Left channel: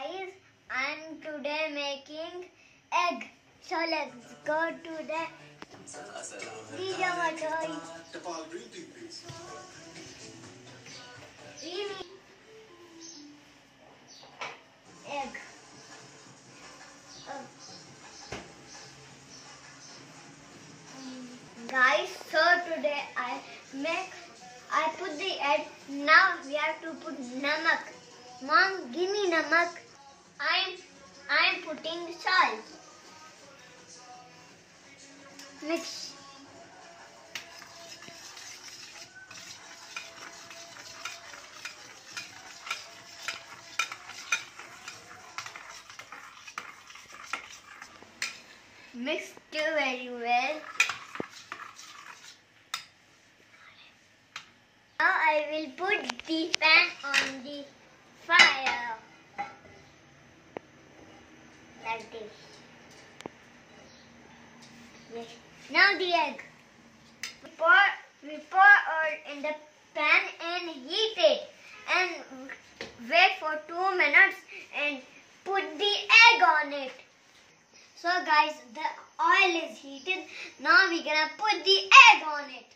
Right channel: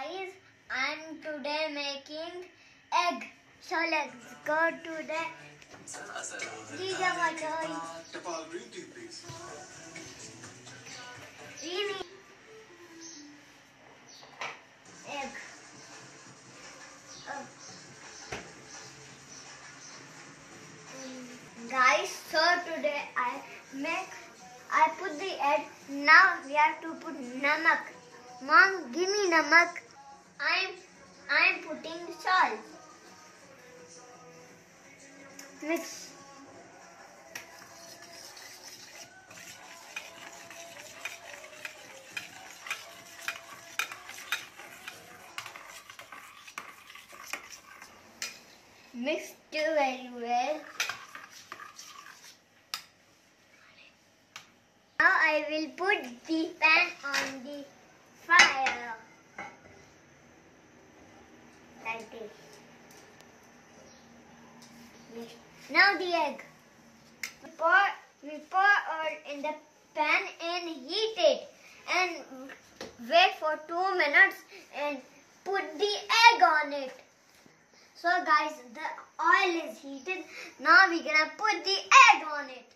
Guys, I'm today making egg. So let's go to the egg. Guys, so today I put the egg. Now we have to put namak. Mom, give me namak. I'm putting salt. Mix. Mix it very well. Now I will put the pan on the fire. Like this. Yes. Now the egg. We pour oil in the pan and heat it. And wait for 2 minutes and put the egg on it. So guys, the oil is heated. Now we're gonna put the egg on it.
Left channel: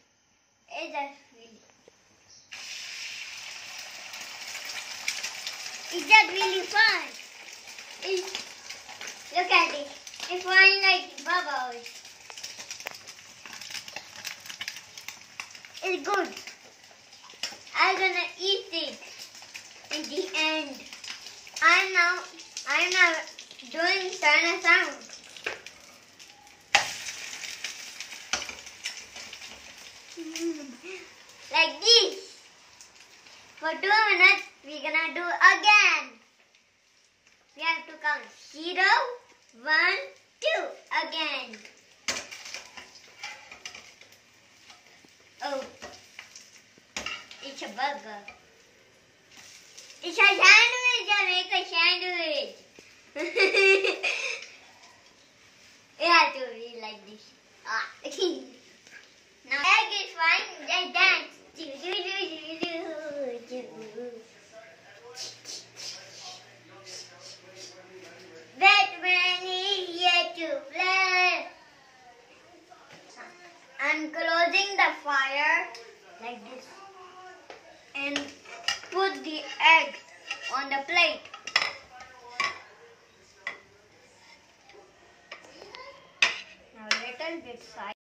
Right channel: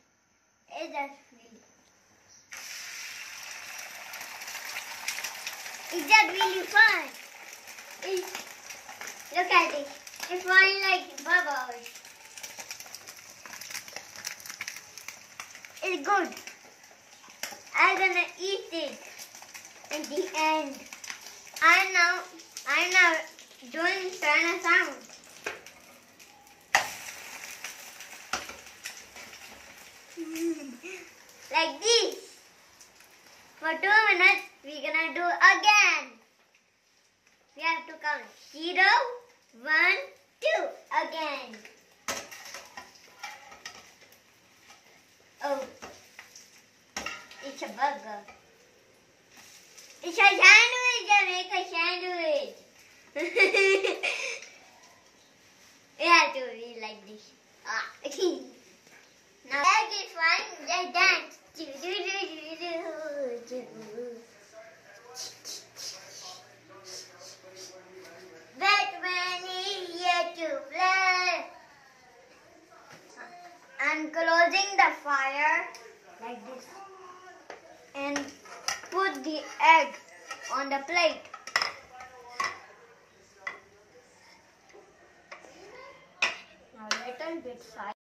Is that really fun? Look at it. It's flying like bubbles. It's good. I'm gonna eat it in the end. I'm now doing certain sounds. Like this. For 2 minutes, we're gonna do again. We have to count 0, 1, 2 again. Oh, it's a burger. It's a sandwich. I make a sandwich. You have to be like this. Now egg is frying. Just dance. Batman is here to play. I'm closing the fire like this and put the egg on the plate. Now little bit side.